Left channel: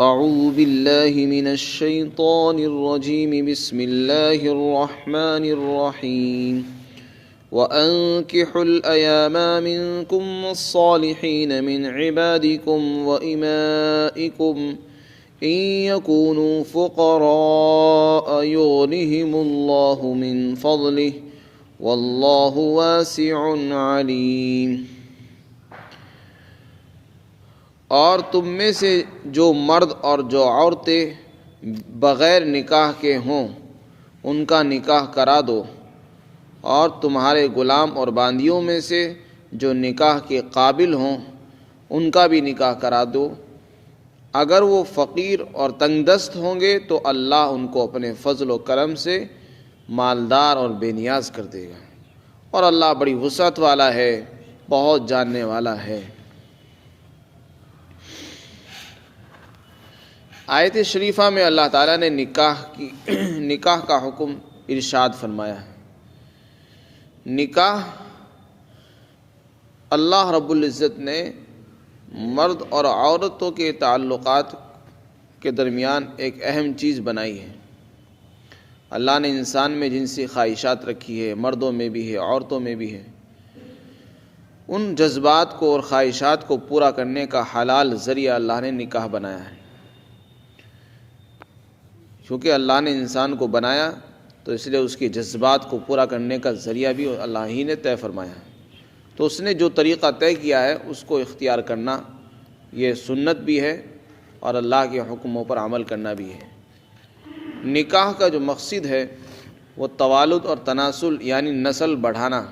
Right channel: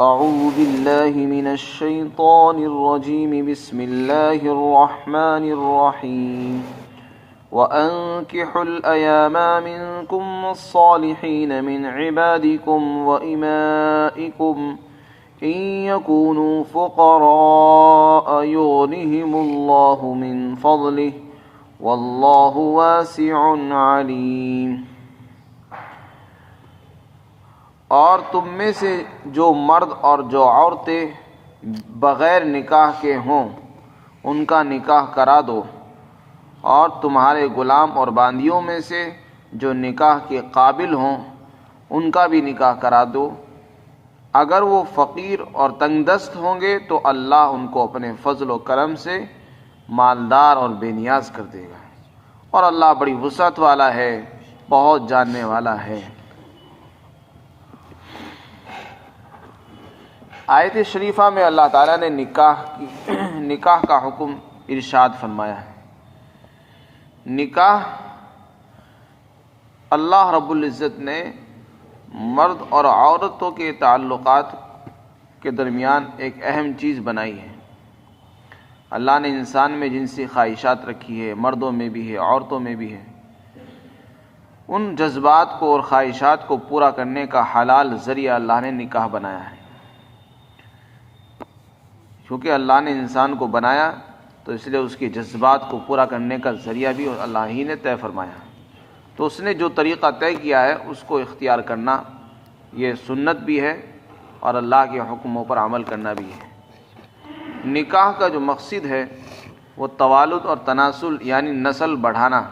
أعوذ بالله من الشيطان الرجيم بسم الله الرحمن الرحيم وأنكحوا الأيام منكم والصالحين من عبادكم وإمائكم إن يكونوا فقراء يغنهم الله من فضله والله واسع عليم۔ اور تم میں سے جو مرد اور جو عورتیں بغیر نکاح کے ہوں ان کا نکاح کرا دو، اور تمہارے غلام اور باندیوں میں سے جو نکاح کے قابل ہوں ان کا بھی نکاح کرا دو۔ اگر وہ فقیر اور تنگ دست ہوں گے تو اللہ ان کو اپنے فضل و کرم سے مالدار اور بے نیاز کر دے گا، اور اللہ بڑی وسعت والا ہے، بہت جاننے والا ہے۔ آیت شریفہ میں اللہ تعالیٰ نے نکاح کا حکم ارشاد فرمایا ہے۔ نکاح اللہ رب العزت نے مرد اور عورتوں کے تعلقات کے درمیان ایک اہم چیز بنائی ہے۔ اللہ نے انسان میں جنسی خواہشات رکھی ہے، مردوں میں بھی ہے، عورتوں میں بھی ہے۔ ان جذبات کو اور خواہشات کو پورا کرنے کا حلال ذریعہ اللہ نے نکاح بنایا ہے۔ کیونکہ اللہ نے انسان کو بنایا تو اس لیے اس کے جذبات کو پورا کرنے کا ذریعہ بھی اللہ ہی نے طے فرمایا، تو اس نے جو طریقہ طے کیا ہے اس کو اختیار کرنا یہ سنت بھی ہے اور اللہ کے حکموں پر عمل کرنا بھی ہے۔ نکاح کا جو مقصد ہے وہ توالد اور تناسل یعنی نسل بڑھانا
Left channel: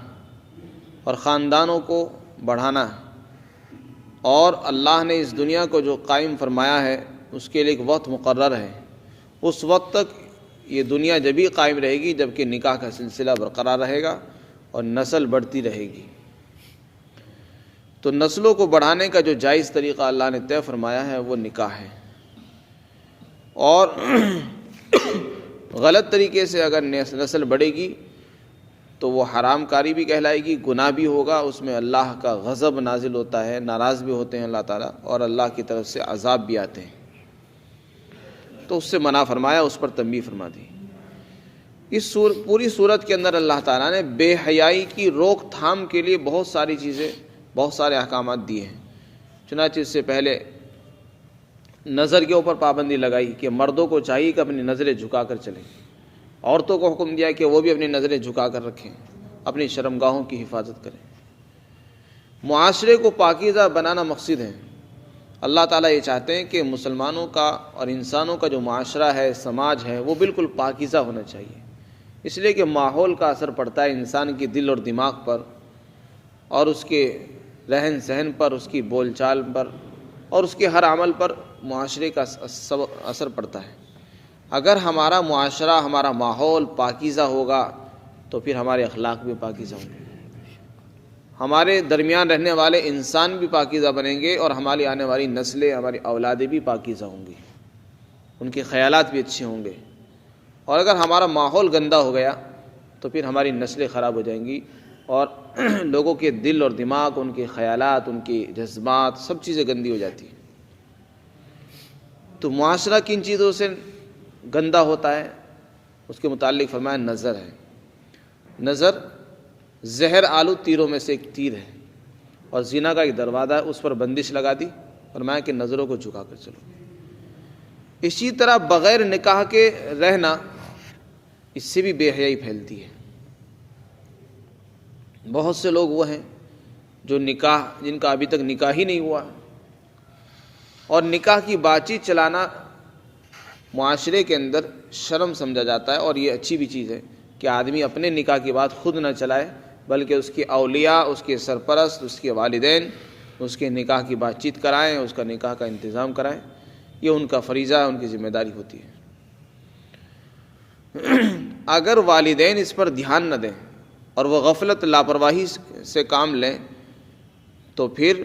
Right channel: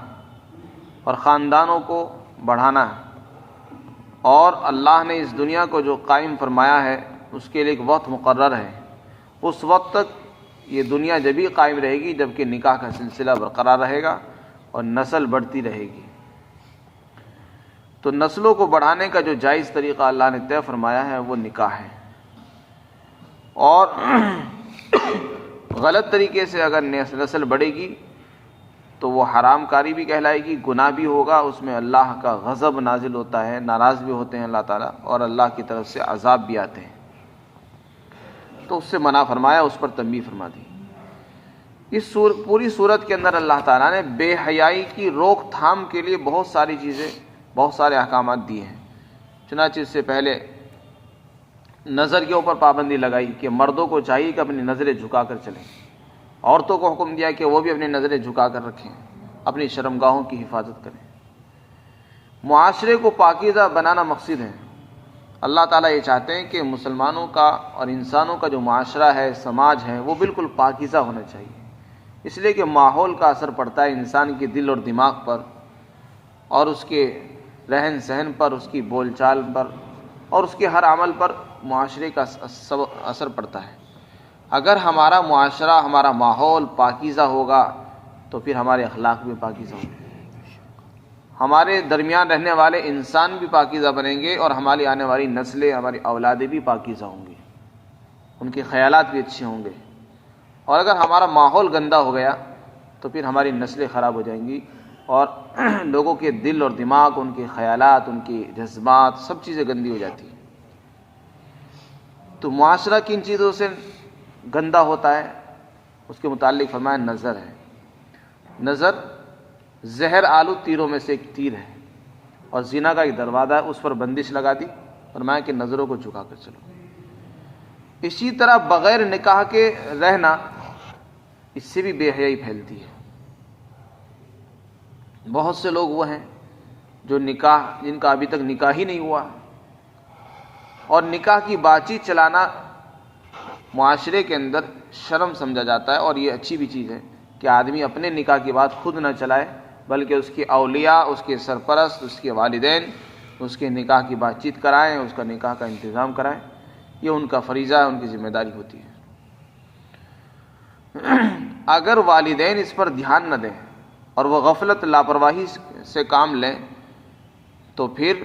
اور خاندانوں کو بڑھانا ہے، اور اللہ نے اس دنیا کو جو قائم فرمایا ہے اس کے لیے ایک وقت مقرر ہے۔ اس وقت تک یہ دنیا جبھی قائم رہے گی جبکہ نکاح کا سلسلہ برقرار رہے گا اور نسل بڑھتی رہے گی۔ تو نسلوں کو بڑھانے کا جو جائز طریقہ اللہ نے طے فرمایا ہے وہ نکاح ہے، اور غلط طریقے سے اگر نسل بڑھے گی تو وہ حرام کاری بھی کہلائے گی، گناہ بھی ہوگا، اس میں اللہ کا غضب نازل ہوتا ہے، ناراض بھی ہوتے ہیں اللہ تعالیٰ، اور اللہ کی طرف سے عذاب بھی آتے ہیں، تو اس سے منع فرمایا، اس پر تنبیہ فرما دی۔ اس پوری صورت کے اندر اللہ تعالیٰ نے بے حیائی کی روک تھام کے لیے بہت ساری چیزیں، بہت سارے احکامات دیے ہیں۔ چنانچہ اس سے پہلے نظر کے اوپر پابندی لگائی کہ مردوں کو چاہیے کہ اپنی نظریں جھکا کر چلیں، عورتوں کو حکم دیا کہ وہ بھی اپنی نظریں جھکا کر رکھیں، اپنی شرمگاہوں کی حفاظت کریں۔ معاشرے کو پاکیزہ بنانا مقصد ہے۔ اللہ تعالیٰ یہ چاہتے ہیں کہ مسلمانوں کا اور انسانوں کا جو معاشرہ ہے، سماج ہے، وہ بالکل پاکیزہ ہونا چاہیے، اس لیے کہ ماحول کا اثر پڑتا ہے انسان کے دل اور دماغ پر، اور اس کے رہن سہن پر، اس کی بول چال پر، اور اس کے ہر عمل پر معاشرے کا اثر پڑتا ہے۔ اگر ہمارا معاشرہ، ہمارا ماحول پاکیزہ ہوگا تو پھر ہمارے اخلاق بھی پاکیزہ ہوں گے، ہمارے درمیان رہنے والے انسان بھی پاکیزہ بنیں گے، اور ہماری آنے والی نسلیں، ہماری اولادیں بھی پاکیزہ ہوں گی، ان کے خیالات بھی اچھے ہوں گے۔ اور اگر ہمارا ماحول گندا ہو گیا تو پھر ہماری نسلیں خراب ہو جائیں گی، اور لوگوں کے دل اور دماغ، ان کے خیالات، ان کے جذبات، سب چیزیں گندی ہو جاتی ہیں۔ تو معاشرہ کن چیزوں سے گندا ہوتا ہے اس کے متعلق فرمایا نظر ہے۔ نظر زہر آلو تیروں میں سے ایک تیر ہے، اور زنا کا ایک دروازہ ہے، اس پر بندش لگا دی، فرمایا کہ نظروں کو جھکا کر چلو۔ اسی طرح بغیر نکاح کے رہنا، اس سے بھی بے حیائی پھیلتی ہے۔ بہت سے لوگ وہ ہیں جو جن کا ابھی تک نکاح ہی نہیں ہوا، اور نکاح کی بات چیت چلانا معاشرے کے اندر شرم سمجھا جاتا ہے، اور یہ اچھی بھی چیز ہے کہ آدمی اپنے نکاح کی بات خود نہ چلائے، بلکہ اس کے اولیاء، اس کے سرپرست، اس کے والدین اس کے نکاح کی بات چیت کرائیں، اس کا نکاح کا انتظام کرائیں۔ یہ ان کا فریضہ ہے، ان کی ذمہ داری ہوتی ہے۔ اگر والدین اس پر دھیان نہ دیں اور وہ غفلت، لاپرواہی سے کام لیں تو پھر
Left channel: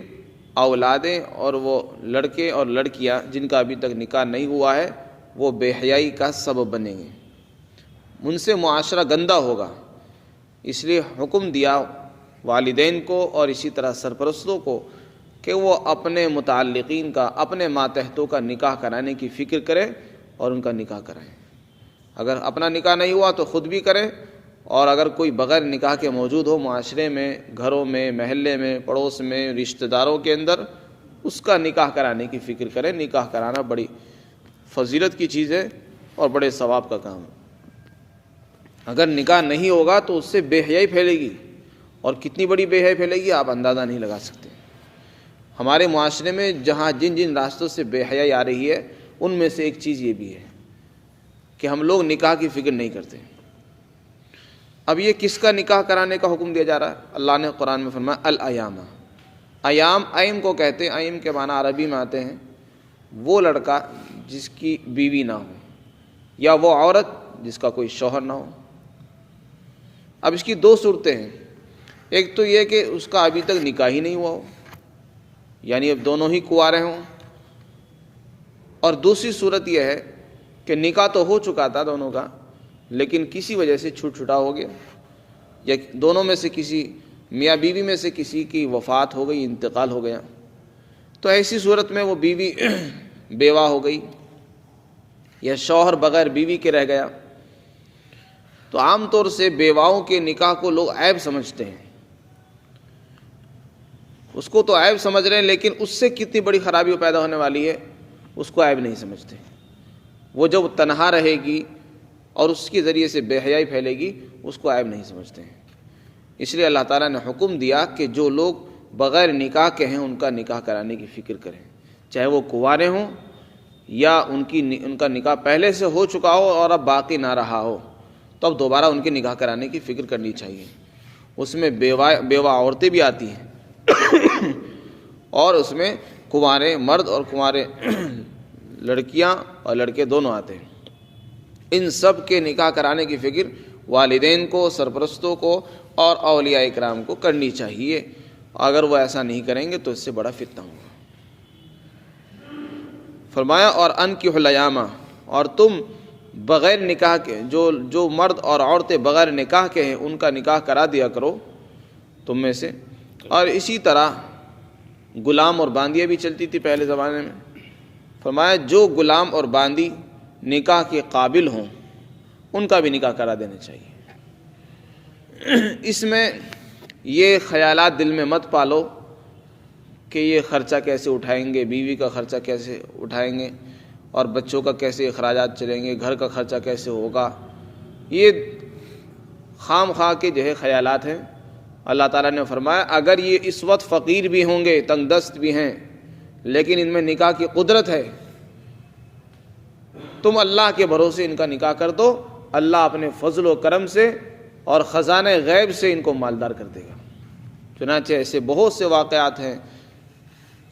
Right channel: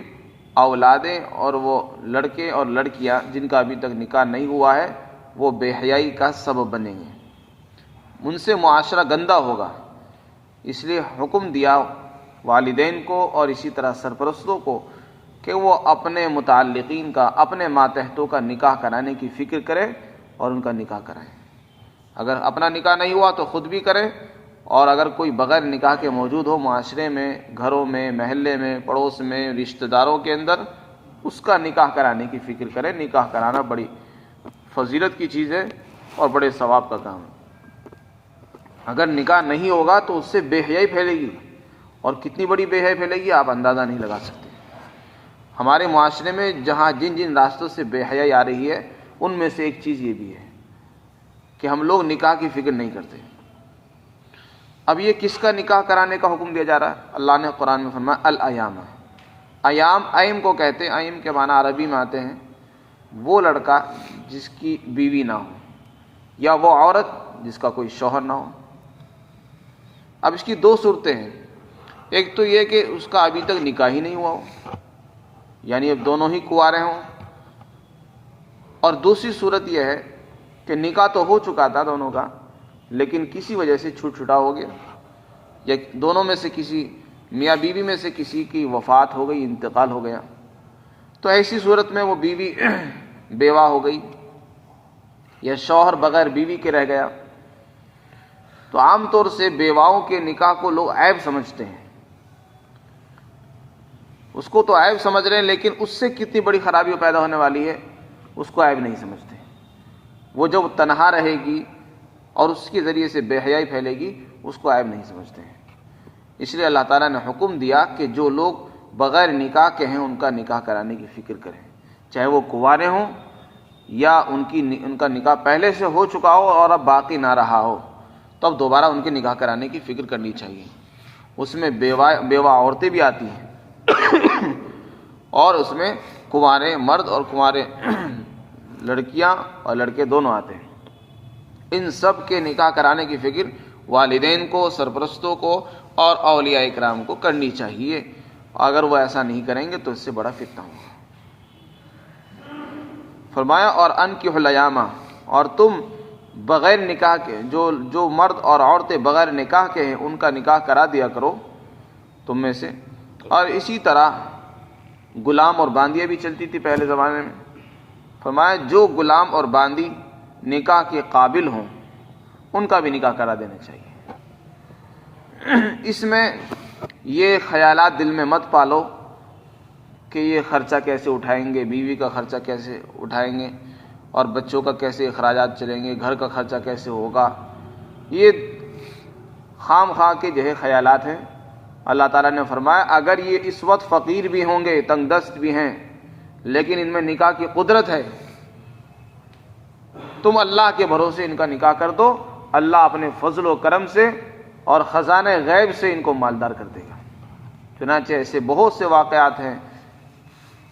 اولادیں اور وہ لڑکے اور لڑکیاں جن کا ابھی تک نکاح نہیں ہوا ہے وہ بے حیائی کا سبب بنیں گے، ان سے معاشرہ گندا ہوگا۔ اس لیے حکم دیا والدین کو اور اسی طرح سرپرستوں کو کہ وہ اپنے متعلقین کا، اپنے ماتحتوں کا نکاح کرانے کی فکر کرے اور ان کا نکاح کرائیں۔ اگر اپنا نکاح نہیں ہوا تو خود بھی کریں، اور اگر کوئی بغیر نکاح کے موجود ہو معاشرے میں، گھروں میں، محلے میں، پڑوس میں، رشتہ داروں کے اندر، اس کا نکاح کرانے کی فکر کریں۔ نکاح کرانا بڑی فضیلت کی چیز ہے اور بڑے ثواب کا کام ہے۔ اگر نکاح نہیں ہوگا تو اس سے بے حیائی پھیلے گی، اور کتنی بڑی بے حیائی پھیلے گی آپ اندازہ نہیں لگا سکتے۔ ہمارے معاشرے میں جہاں جن جن راستوں سے بے حیائی آ رہی ہے، ان میں سے ایک چیز یہ بھی ہے کہ ہم لوگ نکاح کی فکر نہیں کرتے۔ اب یہ کس کا نکاح کرانے کا حکم دیا جا رہا ہے؟ اللہ نے قرآن میں فرمایا الایام۔ ایام، ایم کو کہتے ہیں، ایم کے معنی عربی میں آتے ہیں وہ لڑکا جس کی بیوی نہ ہو، یا وہ عورت جس کا کوئی شوہر نہ ہو۔ اب اس کی دو صورتیں ہیں، ایک تو یہ کہ اس کا ابھی تک نکاح ہی نہیں ہوا ہو، یعنی اب دونوں ہی کنوارے ہوں، اور دوسری صورت یہ ہے کہ نکاح تو ہو چکا تھا دونوں کا، لیکن کسی وجہ سے چھوٹا ہو گیا، یا دونوں میں سے کسی میاں بیوی میں سے کسی کی وفات ہو گئی، انتقال ہو گیا، تو ایسی صورت میں وہ بیوی بیوہ ہو گئی یا شوہر بغیر بیوی کے رہ گیا۔ تو عام طور سے بیواؤں کے نکاح کو لوگ عیب سمجھتے ہیں، اس کو تو عیب سمجھ رہے ہیں، لیکن اس سے کتنی بڑی خرابی پیدا ہونے والی ہے اس کو عیب نہیں سمجھتے۔ وہ جب تنہا رہے گی اور اس کے ذریعے سے بے حیائی پھیلے گی، اس کو عیب نہیں سمجھتے ہیں۔ اس لیے اللہ تعالیٰ نے حکم دیا کہ جو لوگ بغیر نکاح کے ہیں ان کا نکاح کرانے کی فکر کریں، چاہے وہ کنوارے ہوں یا ان کا نکاح پہلے سے ہو چکا ہو اور اب باقی نہ رہا ہو، تو اب دوبارہ ان کے نکاح کرانے کی فکر کرنی چاہیے۔ اس میں بیوہ عورتیں بھی آتی ہیں اور اس میں کنوارے مرد اور کنوارے لڑکیاں اور لڑکے دونوں آتے ہیں۔ ان سب کے نکاح کرانے کی فکر والدین کو، سرپرستوں کو اور اولیاء اکرام کو کرنی چاہیے۔ اگر وہ ایسا نہیں کریں گے تو اس سے بڑا فتنہ ہوگا۔ فرمایا اور انکحوا الایام، اور تم بغیر نکاح کے جو مرد اور عورتیں بغیر نکاح کے ہیں ان کا نکاح کرا دیا کرو تم میں سے۔ اور اسی طرح غلام اور باندیاں بھی چلتی تھی پہلے زمانے میں۔ فرمایا جو غلام اور باندی نکاح کے قابل ہوں ان کا بھی نکاح کرا دینا چاہیے۔ اس میں یہ خیالات دل میں مت پالو کہ یہ خرچہ کیسے اٹھائیں گے، بیوی کا خرچہ کیسے اٹھائیں گے، اور بچوں کا کیسے اخراجات چلیں گے، گھر کا خرچہ کیسے ہوگا۔ یہ خام خواہ کے جو ہے خیالات ہیں۔ اللہ تعالیٰ نے فرمایا اگر یہ اس وقت فقیر بھی ہوں گے، تنگ دست بھی ہیں، لیکن ان میں نکاح کی قدرت ہے، تم اللہ کے بھروسے ان کا نکاح کر دو، اللہ اپنے فضل و کرم سے اور خزانہ غیب سے ان کو مالدار کر دے گا۔ چنانچہ ایسے بہت سے واقعات ہیں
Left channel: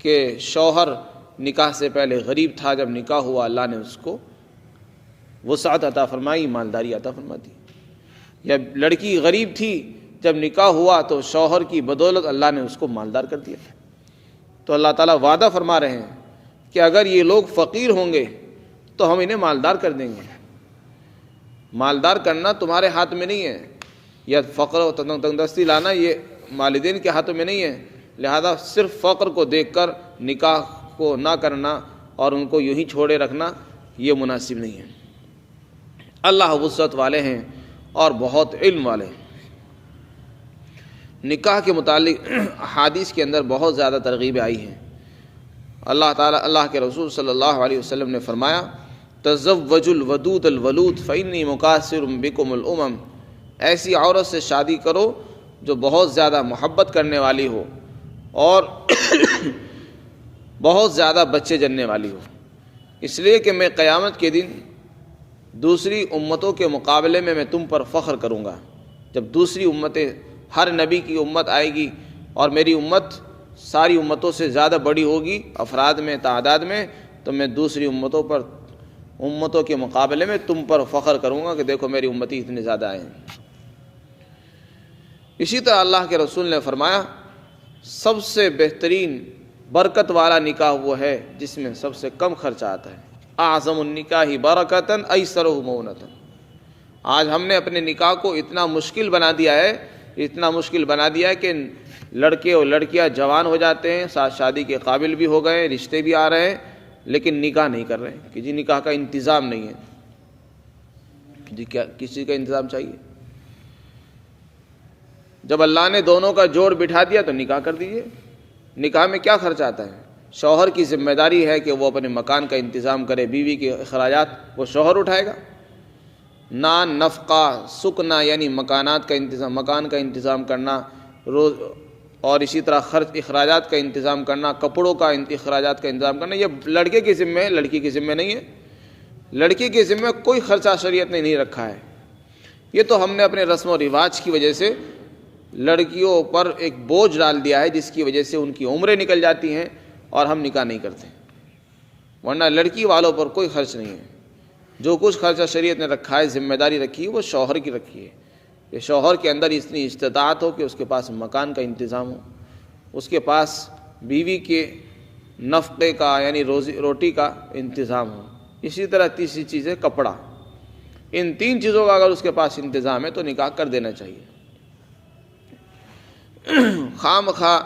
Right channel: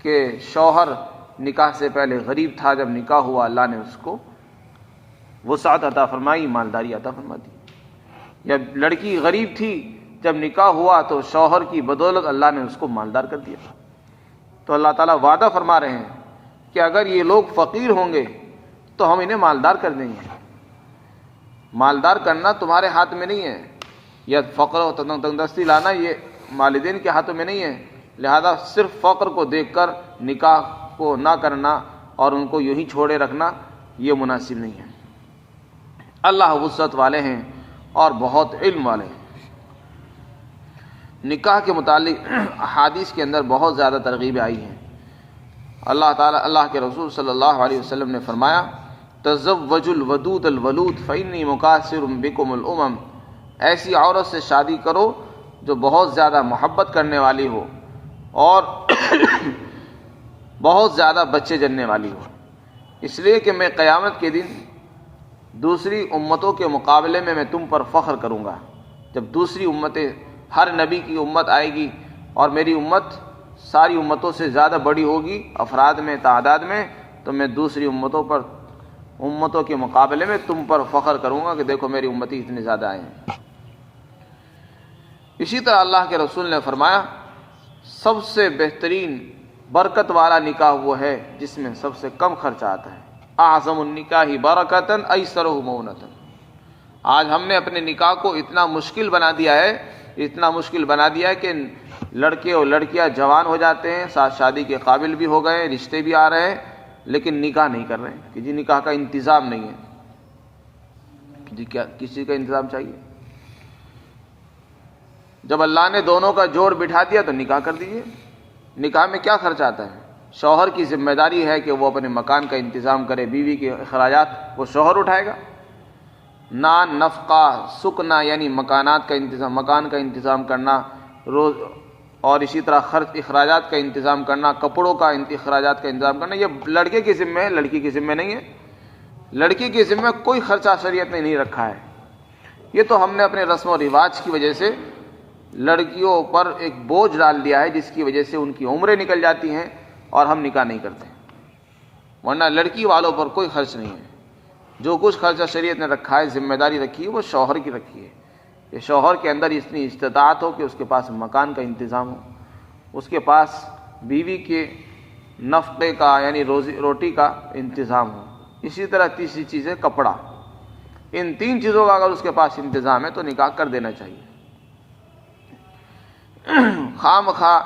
کہ شوہر نکاح سے پہلے غریب تھا، جب نکاح ہوا اللہ نے اس کو وسعت عطا فرمائی، مالداری عطا فرما دی۔ یا لڑکی غریب تھی، جب نکاح ہوا تو شوہر کی بدولت اللہ نے اس کو مالدار کر دیا۔ تو اللہ تعالیٰ وعدہ فرما رہے ہیں کہ اگر یہ لوگ فقیر ہوں گے تو ہم انہیں مالدار کر دیں گے۔ مالدار کرنا تمہارے ہاتھ میں نہیں ہے، یا فقر و تنگ دستی لانا یہ والدین کے ہاتھوں میں نہیں ہے، لہذا صرف فقر کو دیکھ کر نکاح کو نہ کرنا اور ان کو یوں ہی چھوڑے رکھنا یہ مناسب نہیں ہے۔ اللہ وسعت والے ہیں اور بہت علم والے ہیں۔ نکاح کے متعلق احادیث کے اندر بہت زیادہ ترغیبیں آئی ہیں۔ اللہ کے رسول صلی اللہ علیہ وسلم نے فرمایا تزوجوا الودود الولود فإنی مکاثر بکم الامم، ایسی عورت سے شادی کرو جو بہت زیادہ محبت کرنے والی ہو اور بہت زیادہ بچے جننے والی ہو، اس لیے کہ میں قیامت کے دن دوسری امتوں کے مقابلے میں تم پر فخر کروں گا۔ جب دوسری امتیں، ہر نبی کی امت آئے گی اور میری امت ساری امتوں سے زیادہ بڑی ہوگی افراد میں، تعداد میں، تو میں دوسری امتوں کے مقابلے میں تم پر فخر کروں گا کہ دیکھو میری امتی اتنے زیادہ آئے ہیں۔ اسی طرح اللہ کے رسول نے فرمایا سب سے بہترین برکت والا نکاح وہ ہے جس میں سب سے کم خرچہ آتا ہے۔ اعظم النکاح برکۃ ایسرہ مؤونۃ۔ آج ہم نے اپنے نکاح کو اتنا مشکل بنا دیا ہے کہ لڑکے اور لڑکیاں جوان ہو جاتے ہیں، ساتھ شادی کے قابل بھی ہو گئے، رشتے بھی آ رہے ہیں، لیکن نکاح نہیں کر رہے ہیں کہ جی نکاح کا انتظام نہیں ہے. جی کیا کس چیز کا انتظام چاہیے؟ جب اللہ نے دونوں کا جوڑ بٹھا دیا تو نکاح کر دیجیے. نکاح میں کیا خرچ آتا ہے؟ شوہر کی ذمہ داری ہے کہ وہ اپنے مکان کا انتظام کرے، بیوی کے اخراجات وہ شوہر اٹھائے گا. نان، نفقہ، سکنا یعنی مکانات کا انتظام، مکان کا انتظام کرنا، روز اور اسی طرح خرچ اخراجات کا انتظام کرنا، کپڑوں کا اخراجات کا انتظام کرنا، یہ لڑکے کی ذمہ ہے، لڑکی کی ذمہ نہیں ہے. لڑکی کی ذمہ کوئی خرچہ شریعت نے نہیں رکھا ہے. یہ تو ہم نے اپنے رسم و رواج کی وجہ سے لڑکیوں پر ایک بوجھ ڈال دیا ہے، جس کی وجہ سے ان کی عمریں نکل جاتی ہیں اور ہم نکاح نہیں کرتے. ورنہ لڑکی والوں پر کوئی خرچ نہیں ہے. جو کچھ خرچہ شریعت نے رکھا ہے، ذمہ داری رکھی ہے، وہ شوہر کی رکھی ہے. یہ شوہر کے اندر اتنی استطاعت ہو کہ اس کے پاس مکان کا انتظام ہو، اس کے پاس بیوی کے نفقے کا یعنی روٹی کا انتظام ہو. اسی طرح تیسری چیز ہے کپڑا. ان تین چیزوں کا اگر اس کے پاس انتظام ہے تو نکاح کر دینا چاہیے. خواہ مخواہ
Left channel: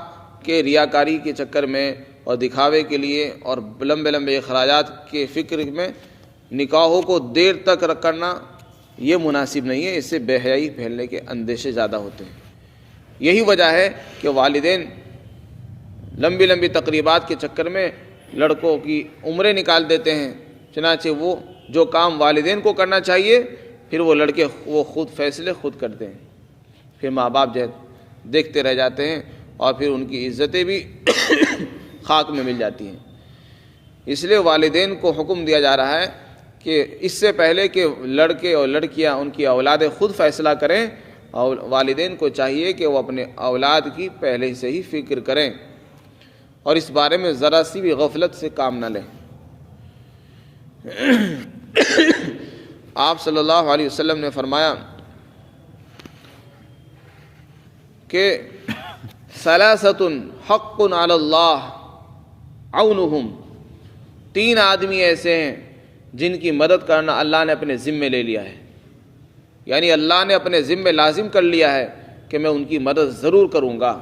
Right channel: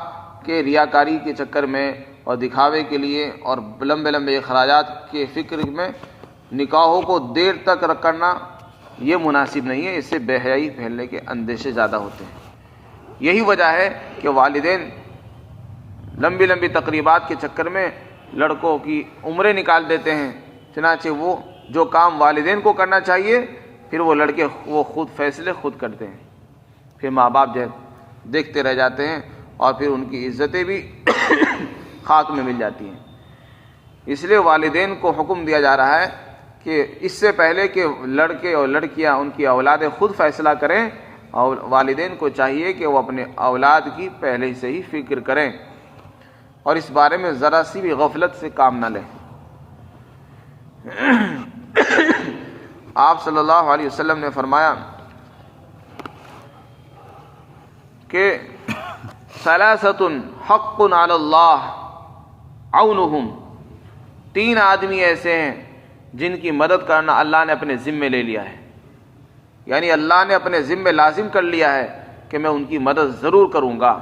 کے ریاکاری کے چکر میں اور دکھاوے کے لیے اور لمبے لمبے اخراجات کے فکر میں نکاحوں کو دیر تک کرنا یہ مناسب نہیں ہے. اس سے بے حیائی پھیلنے کے اندیشے زیادہ ہوتے ہیں. یہی وجہ ہے کہ والدین لمبی لمبی تقریبات کے چکر میں لڑکوں کی عمریں نکال دیتے ہیں. چنانچہ وہ جو کام والدین کو کرنا چاہیے پھر وہ لڑکے وہ خود فیصلے خود کرتے ہیں. پھر ماں باپ جو دیکھتے رہ جاتے ہیں اور پھر ان کی عزتیں بھی خاک میں مل جاتی ہیں. اس لیے والدین کو حکم دیا جا رہا ہے کہ اس سے پہلے کہ لڑکے اور لڑکیاں ان کی اولادیں خود فیصلہ کریں، اور والدین کو چاہیے کہ وہ اپنے اولاد کی پہلے سے ہی فکر کریں اور اس بارے میں ذرا سی بھی غفلت سے کام نہ لیں. آپ صلی اللہ علیہ وسلم نے فرمایا کہ ثلاثۃ حق علی اللہ عونہم، تین آدمی ایسے ہیں جن کی مدد کرنا اللہ نے اپنے ذمے لے لیا ہے. یعنی اللہ نے اپنے ذمے لازم کر لیا ہے کہ میں ان کی مدد ضرور کروں گا.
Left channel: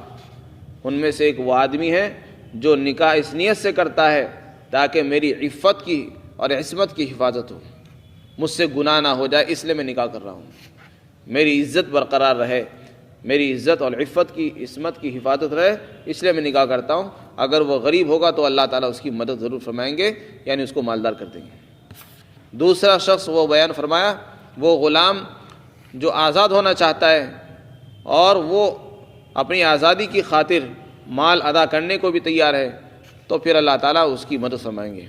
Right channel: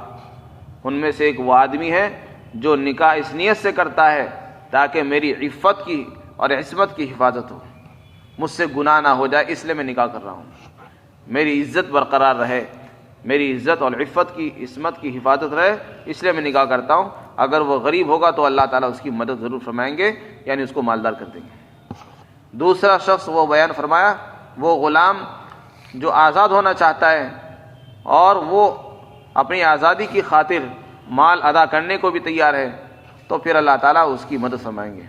ان میں سے ایک وہ آدمی ہے جو نکاح اس نیت سے کرتا ہے تاکہ میری عفت کی اور عصمت کی حفاظت ہو، مجھ سے گناہ نہ ہو جائے، اس لیے میں نکاح کر رہا ہوں، میری عزت برقرار رہے، میری عزت اور عفت کی عصمت کی حفاظت رہے، اس لیے میں نکاح کرتا ہوں. اگر وہ غریب ہوگا تو اللہ تعالیٰ اس کی مدد ضرور فرمائیں گے، یعنی اس کو مالدار کر دیں گے. دوسرا شخص وہ بیان فرمایا وہ غلام جو آزاد ہونا چاہتا ہے اور وہ اپنی آزادی کی خاطر مال ادا کرنے کو بھی تیار ہے، تو پھر اللہ تعالیٰ اس کی مدد فرمائیں گے.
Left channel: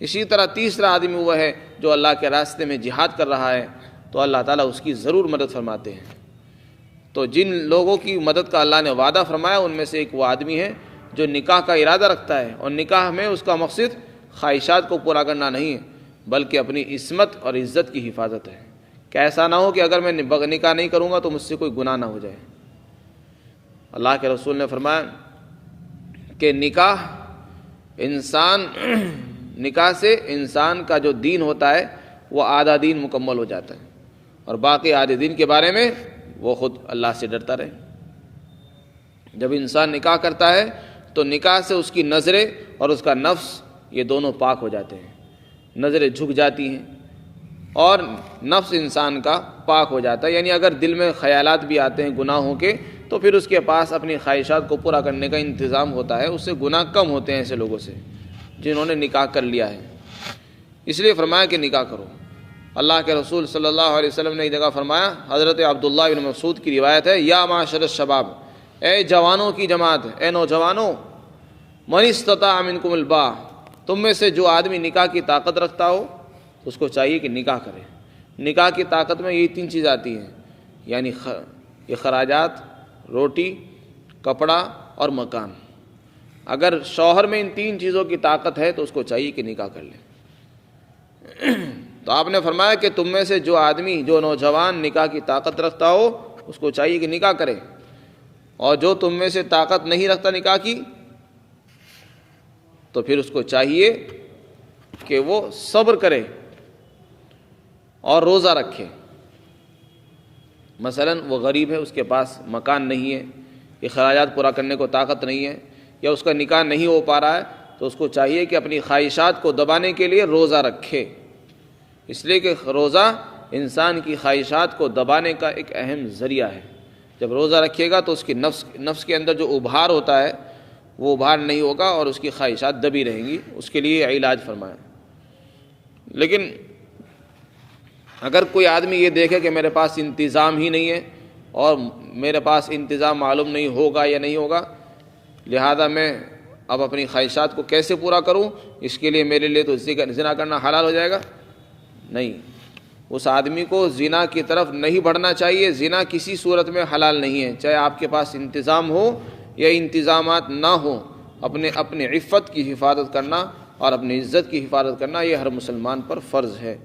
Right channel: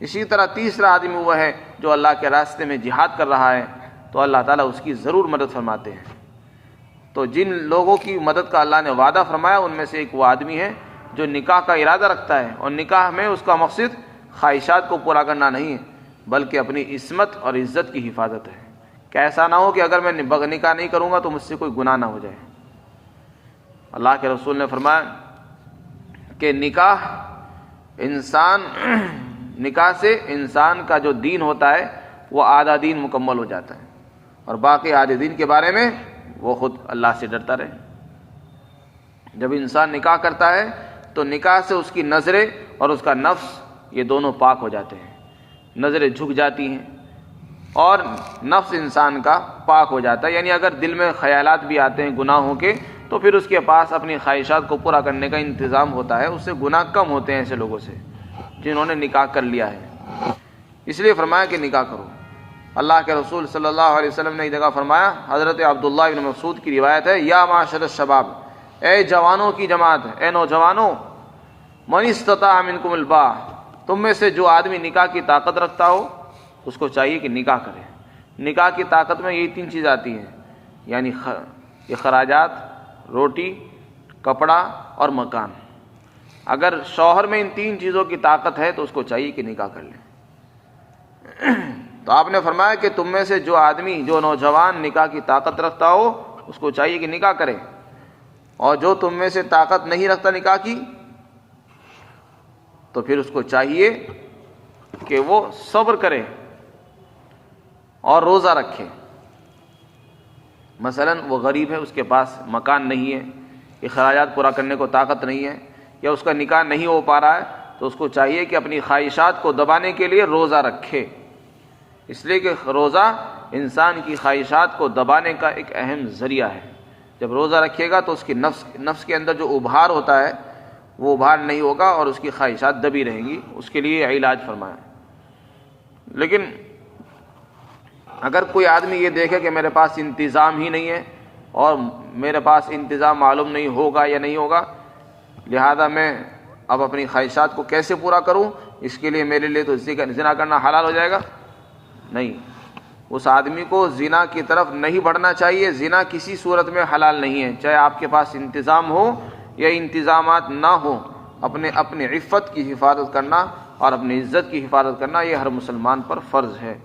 اسی طرح تیسرا آدمی وہ ہے جو اللہ کے راستے میں جہاد کر رہا ہے، تو اللہ تعالیٰ اس کی ضرور مدد فرماتے ہیں. تو جن لوگوں کی مدد کا اللہ نے وعدہ فرمایا ان میں سے ایک وہ آدمی ہے جو نکاح کا ارادہ رکھتا ہے، اور نکاح میں اس کا مقصد خواہشات کو پورا کرنا نہیں ہے بلکہ اپنی عصمت اور عزت کی حفاظت ہے، کہ ایسا نہ ہو کہ اگر میں نکاح نہیں کروں گا تو مجھ سے کوئی گناہ نہ ہو جائے. اللہ کے رسول نے فرمایا کہ نکاح سے انسان کا جو دین ہوتا ہے وہ آدھا دین مکمل ہو جاتا ہے، اور باقی آدھے دین کے بارے میں وہ خود اللہ سے ڈرتا رہے. جب انسان نکاح کرتا ہے تو نکاح سے اس کی نظریں اور اس کا نفس یہ دونوں پاک ہو جاتے ہیں. نظریں جھک جاتی ہیں اور نفس انسان کا پاک ہو جاتا ہے. یعنی اگر دل میں خیالات بھی آتے ہیں گناہوں کے تو پھر اس کے پاس اپنی خواہشات کو پورا کرنے کا انتظام ہوتا ہے. اس سے گناہ کم ہوتے ہیں ایسے لوگوں سے جنہوں نے نکاح کر لیا ہے. اس لیے فرمایا کہ نکاح کرو. اللہ کے رسول صلی اللہ علیہ وسلم نے ایک جگہ فرمایا، حضرت عبداللہ بن مسعود کی روایت ہے، یا معاشر الشباب، اے جوانوں کی جماعت، اے نوجوانوں، من استطاع منکم الباء، تم میں سے جو آدمی نکاح کی طاقت رکھتا ہو اس کو چاہیے کہ نکاح کرے. نکاح کی طاقت میں یہ تین چیز آتی ہیں، یعنی اخراجات، روٹی، کپڑا اور مکان. اگر شوہر میں ان تین چیزوں کی طاقت ہے تو اس کو چاہیے کہ نکاح کر لے. تو آپ نے فرمایا کہ تم میں سے جو آدمی، جو نوجوان نکاح کی طاقت رکھتا ہو اس کو چاہیے کہ نکاح کرے، اور جو تم میں سے طاقت نہیں رکھتا نکاح کی تو پھر اس کو چاہیے کہ وہ صبر کرے اور روزہ رکھے. مثلا وہ غریب ہے، اس کے پاس مکان نہیں ہے، اخراجات پورا کرنے کو طاقت نہیں ہے یا اس کا نکاح نہیں ہو پا رہا ہے تو اس کو چاہیے کہ اپنی خواہشات کو دبانے کے لیے روزہ رکھے، اس لیے کہ روزہ انسان کی خواہشات کو دبانے کا ایک اہم ذریعہ ہے۔ جب روزہ رکھے گا تو اس کی نفس کے اندر جو ابھار ہوتا ہے وہ ابھار نہیں ہوگا اور اس کی خواہشات دبی رہیں گی، اس کے لیے علاج فرمایا۔ لیکن اگر کوئی آدمی یہ دیکھے کہ میرے پاس انتظام ہی نہیں ہے اور میرے پاس انتظام معلوم نہیں ہوگا یا نہیں ہوگا، لہذا میں اب اپنی خواہشات کو کیسے پورا کروں، اس کے لیے میرے لیے تو زنا کرنا حلال ہو جائے گا، نہیں، اس آدمی کو زنا کی طرف نہیں بڑھنا چاہیے۔ زنا کسی صورت میں حلال نہیں ہے، چاہے آپ کے پاس انتظام ہو یا انتظامات نہ ہو۔ اپنی عفت کی حفاظت کرنا اور اپنی عزت کی حفاظت کرنا یہ ہر مسلمان پر فرض ہے۔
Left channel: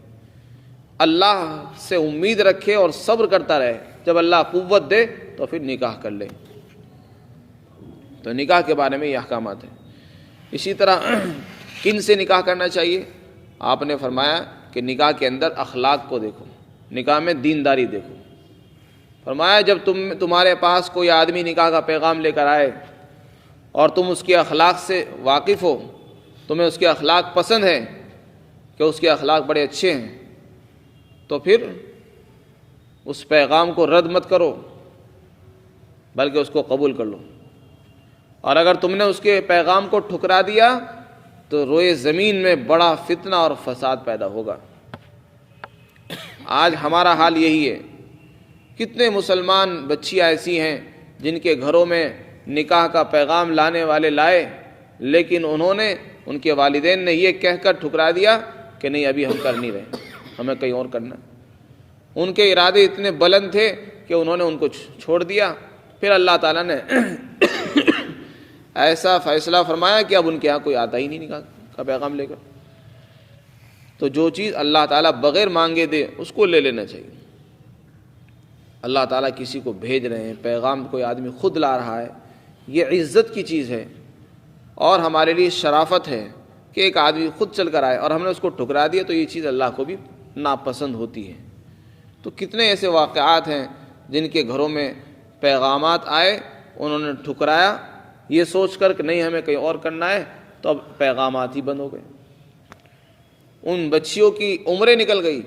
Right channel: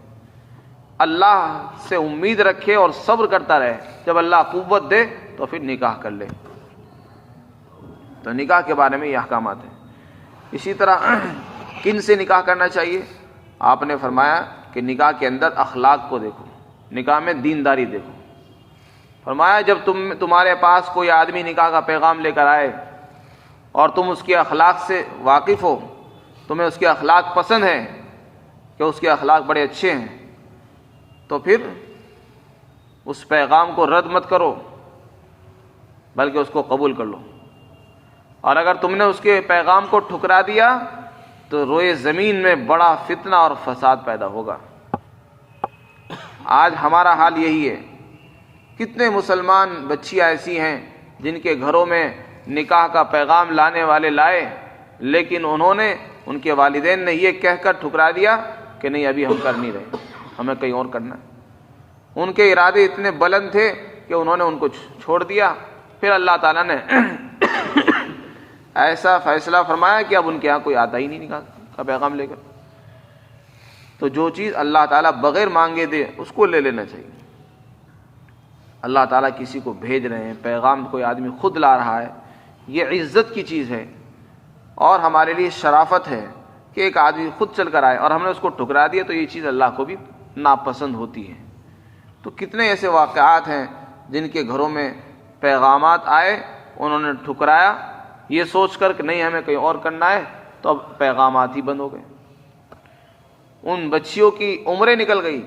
اللہ سے امید رکھے اور صبر کرتا رہے، جب اللہ قوت دے تو پھر نکاح کر لے۔ تو نکاح کے بارے میں یہ احکامات ہیں۔ اسی طرح کن سے نکاح کرنا چاہیے؟ آپ نے فرمایا کہ نکاح کے اندر اخلاق کو دیکھو، نکاح میں دینداری دیکھو۔ فرمایا جب تمہارے پاس کوئی آدمی نکاح کا پیغام لے کر آئے اور تم اس کے اخلاق سے واقف ہو، تمہیں اس کے اخلاق پسند ہیں کہ اس کے اخلاق بڑے اچھے ہیں، تو پھر اس پیغام کو رد مت کرو بلکہ اس کو قبول کر لو۔ اور اگر تم نے اس کے پیغام کو ٹھکرا دیا تو روئے زمین میں بڑا فتنہ اور فساد پیدا ہوگا۔ آج ہمارا حال یہی ہے، کتنے مسلمان بچیاں ایسی ہیں جن کے گھروں میں نکاح کا پیغام لانے والے لائے، لیکن ان کے والدین نے یہ کہہ کر ٹھکرا دیا کہ نہیں ابھی ہم کر نہیں رہے، ہمیں کہیں اور کرنا ہے۔ ان کے ارادے اتنے بلند تھے کہ انہوں نے ان کو چھوڑ دیا۔ پھر اللہ تعالیٰ نے ایسا فیصلہ فرمایا کہ اب ان کے ہاں کوئی آتا ہی نہیں نکاح کا پیغام لے کر۔ تو جو چیز اللہ تعالیٰ بغیر مانگے دے اس کو لے لینا چاہیے۔ اللہ تعالیٰ کسی کو بھیج رہے ہیں، پیغام کوئی آدمی خود لا رہا ہے، یہ عزت کی چیز ہے اور ہمارے لیے شرافت ہے کہ ایک آدمی خود چل کر آئے اور ہم نے اس کو ٹھکرا دیا، تو یہ چیز اللہ کو بھی ناپسند ہوتی ہے۔ تو کتنے ایسے واقعات ہیں جن کے گھروں میں پیغامات آئے، انہوں نے ٹھکرایا یہ سوچ کر کہ نہیں ہمیں کہیں اور کرنا ہے، تو اب پیغامات ہی بند ہو گئے، ان بچیوں کی عمریں نکل گئی۔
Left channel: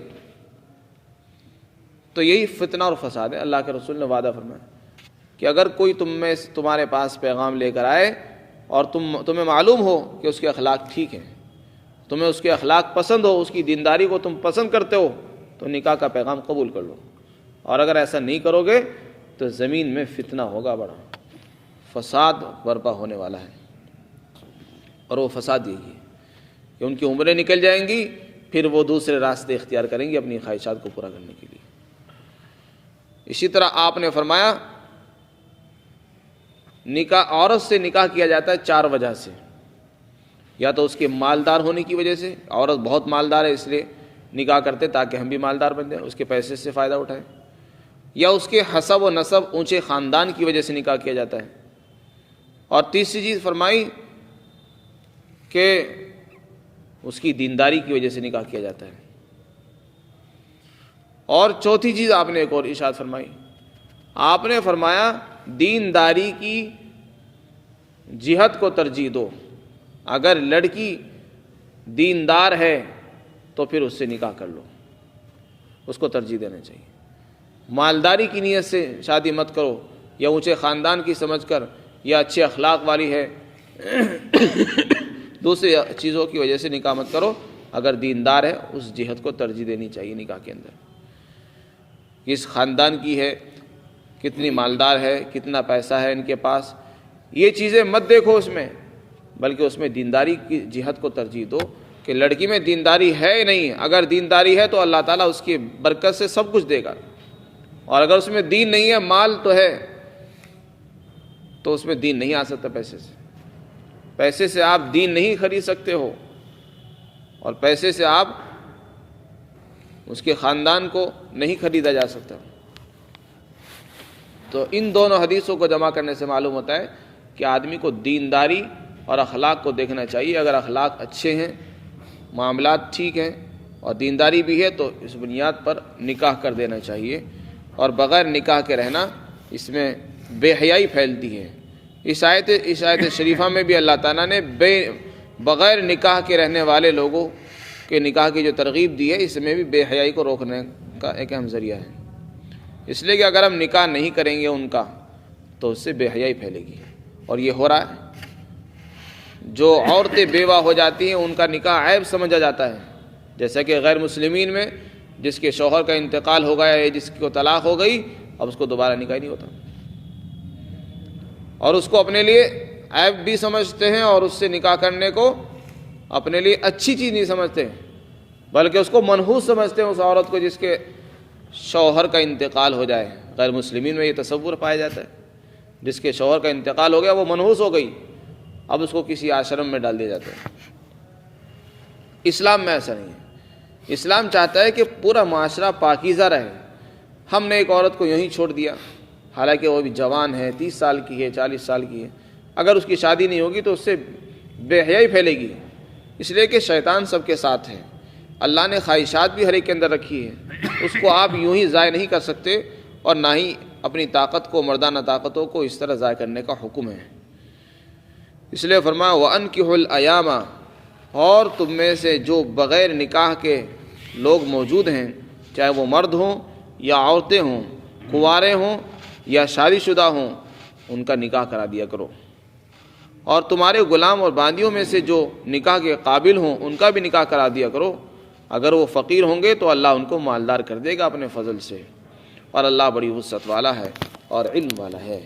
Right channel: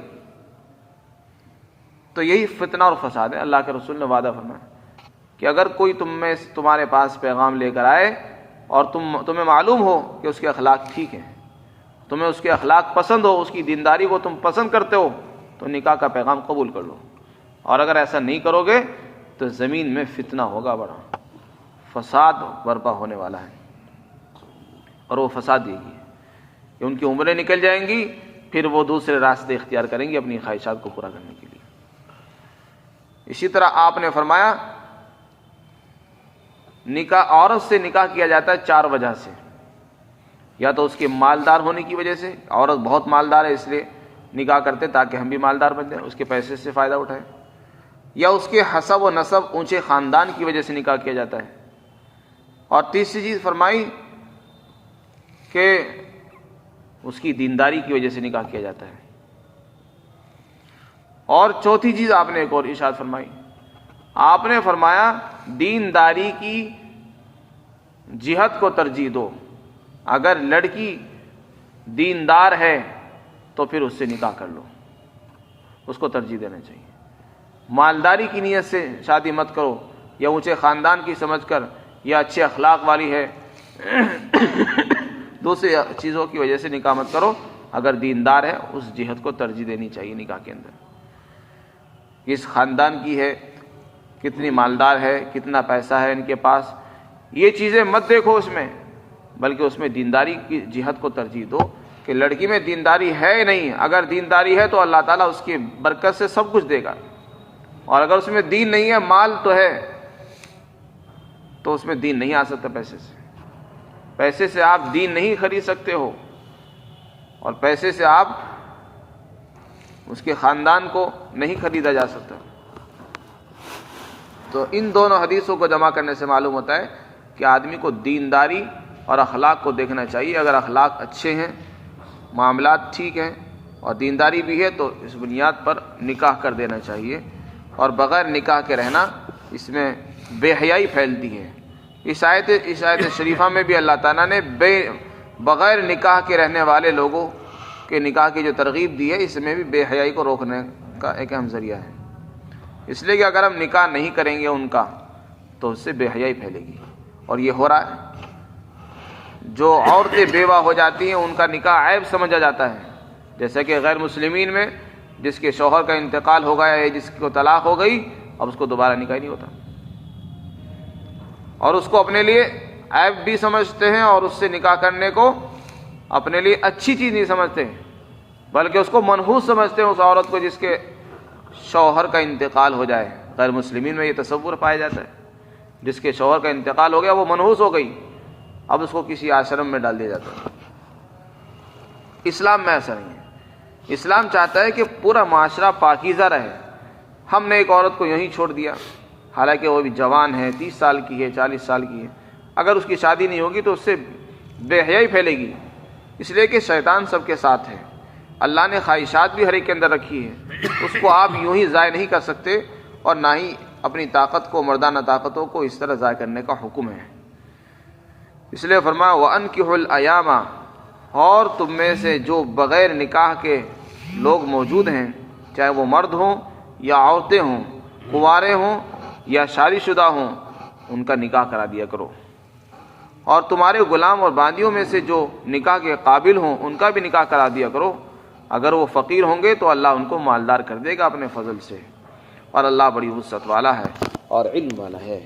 تو یہی فتنہ اور فساد ہے۔ اللہ کے رسول نے وعدہ فرمایا کہ اگر کوئی تمہارے پاس پیغام لے کر آئے اور تمہیں معلوم ہو کہ اس کے اخلاق ٹھیک ہیں، تمہیں اس کے اخلاق پسند ہو، اس کی دینداری کو تم پسند کرتے ہو، تو نکاح کا پیغام قبول کر لو۔ اور اگر ایسا نہیں کرو گے تو زمین میں فتنہ ہوگا، بڑا فساد برپا ہونے والا ہے۔ اور وہ فساد یہی ہے کہ ان کی عمریں نکل جائیں گی، پھر وہ دوسرے راستے اختیار کریں گے اپنی خواہشات کو پورا کرنے کے لیے۔ اسی طرح آپ نے فرمایا عورت سے نکاح کیا جاتا ہے 4 وجہ سے، یا تو اس کے مالدار ہونے کی وجہ سے، عورت بہت مالدار ہے اس لیے نکاح کرتے تاکہ ہم بھی مالدار بن جائیں، اس کے پیسے سے فائدہ اٹھائیں، یا اس کے حسب و نسب اونچے خاندان کی وجہ سے نکاح کیا جاتا ہے، اور تیسری چیز فرمائی کہ اس کی دینداری کی وجہ سے نکاح کیا جاتا ہے، اور چوتھی چیز آپ نے ایک اور ارشاد فرمائی، آپ نے فرمایا دینداری کی جہت کو ترجیح دو، اگر لڑکی دیندار ہے تو پھر اس سے نکاح کر لو، اس کو ترجیح دینا چاہیے۔ مالداری کی نیت سے شادی مت کرو، یا اونچے خاندان کی سمجھ کر، یا اچھے اخلاق والی ہے، دوسری چیزوں کی وجہ سے نکاح مت کرو، اگر دیندار ہے اس جہت کو ترجیح دینی چاہیے نکاح کے اندر۔ کس خاندان کی ہے، کتنی مالدار ہے، کتنا پیسہ ہے ان کے پاس، یہ چیزیں مت دیکھو اس میں، بلکہ اس میں دینداری کی جہت کو ترجیح دو کہ لڑکی میں دینداری ہے نہیں، اگر دینداری ہے تو اللہ تعالیٰ اس کی برکت سے سب کچھ دے گا، اور اگر اس میں دین نہیں ہے، مال تو ہے تو اس میں دین نہیں آ سکتا۔ پیسے سے آپ دین نہیں خرید سکتے ہو، اور پیسے سے آپ اس کے خاندان کو نہیں خریدا جا سکتا۔ تو ان دونوں حدیثوں کو جمع کرنے سے معلوم ہوتا ہے کہ آدمی کو دینداری اور اخلاق کو دیکھنا چاہیے۔ اگر اخلاق اچھے ہیں، معاملات ٹھیک ہیں اور دینداری بھی ہے تو اس بنیاد پر نکاح کر دینا چاہیے، اور بغیر نکاح کے رہنا اس میں بے حیائی پھیلتی ہے۔ اس آیت شریفہ میں بھی اللہ تعالیٰ نے بغیر نکاح کے رہنے والے لوگوں کے نکاح کی جو ترغیب دی ہے، اس میں بھی بے حیائی کو روکنے کا ایک اہم ذریعہ ہے۔ اس لیے کہ اگر ہم نکاح نہیں کریں گے ان کا تو اس سے بے حیائی پھیلے گی، اور یہ ہو رہا ہے۔ جو عورتیں بیوہ ہو جاتی ہیں ان کا نکاح عیب سمجھا جاتا ہے، جیسا کہ غیر مسلمین میں جس کے شوہر کا انتقال ہو گیا ہے، جس کو طلاق ہو گئی، اب اس کو دوبارہ نکاح نہیں ہوتا، اور اس کو اپنے لیے عیب بھی سمجھتے ہیں، اور اس سے نکاح کرنے کو اپنے لیے اچھی چیز نہیں سمجھتے، بلکہ اس کو منحوس سمجھتے ہیں اس عورت کو جس کے شوہر کا انتقال ہو جائے۔ غیر مسلمین میں یہ تصور پایا جاتا ہے، جس کے شوہر کا انتقال ہو گیا وہ منحوس ہو گئی، اب اس کو کسی آشرم میں ڈال دیا جاتا ہے۔ اسلام میں ایسا نہیں ہے۔ اسلام چاہتا ہے کہ پورا معاشرہ پاکیزہ رہے۔ ہم نے ایک عورت کو یہیں چھوڑ دیا، حالانکہ وہ بھی جوان ہے، 30 سال کی ہے، 40 سال کی ہے، اگر اس کی شادی نہیں ہوگی تو اس سے بے حیائی پھیلے گی، اس لیے کہ شیطان سب کے ساتھ ہے۔ اللہ نے خواہشات بھی ہر ایک کے اندر رکھی ہے، اس کو آپ یوں ہی ضائع نہیں کر سکتے، اور نہ ہی اپنی طاقت کو، مردانہ طاقتوں کو اس طرح ضائع کرنے کا حکم ہے۔ اس لیے فرمایا وَأَنكِحُوا الْأَيَامَ، اور تم میں سے جو بغیر نکاح کے لوگ موجود ہیں، چاہے وہ مرد ہوں یا عورتیں ہوں، کنوارے ہوں یا شادی شدہ ہوں، ان کا نکاح کرا دیا کرو، اور تمہارے غلام اور باندیوں میں سے جو نکاح کے قابل ہوں ان کا بھی نکاح کرا دیا کرو۔ اگر وہ فقیر ہوں گے تو اللہ ان کو مالدار کر دے گا اپنے فضل سے، اور اللہ بڑی وسعت والا ہے اور علم والا ہے۔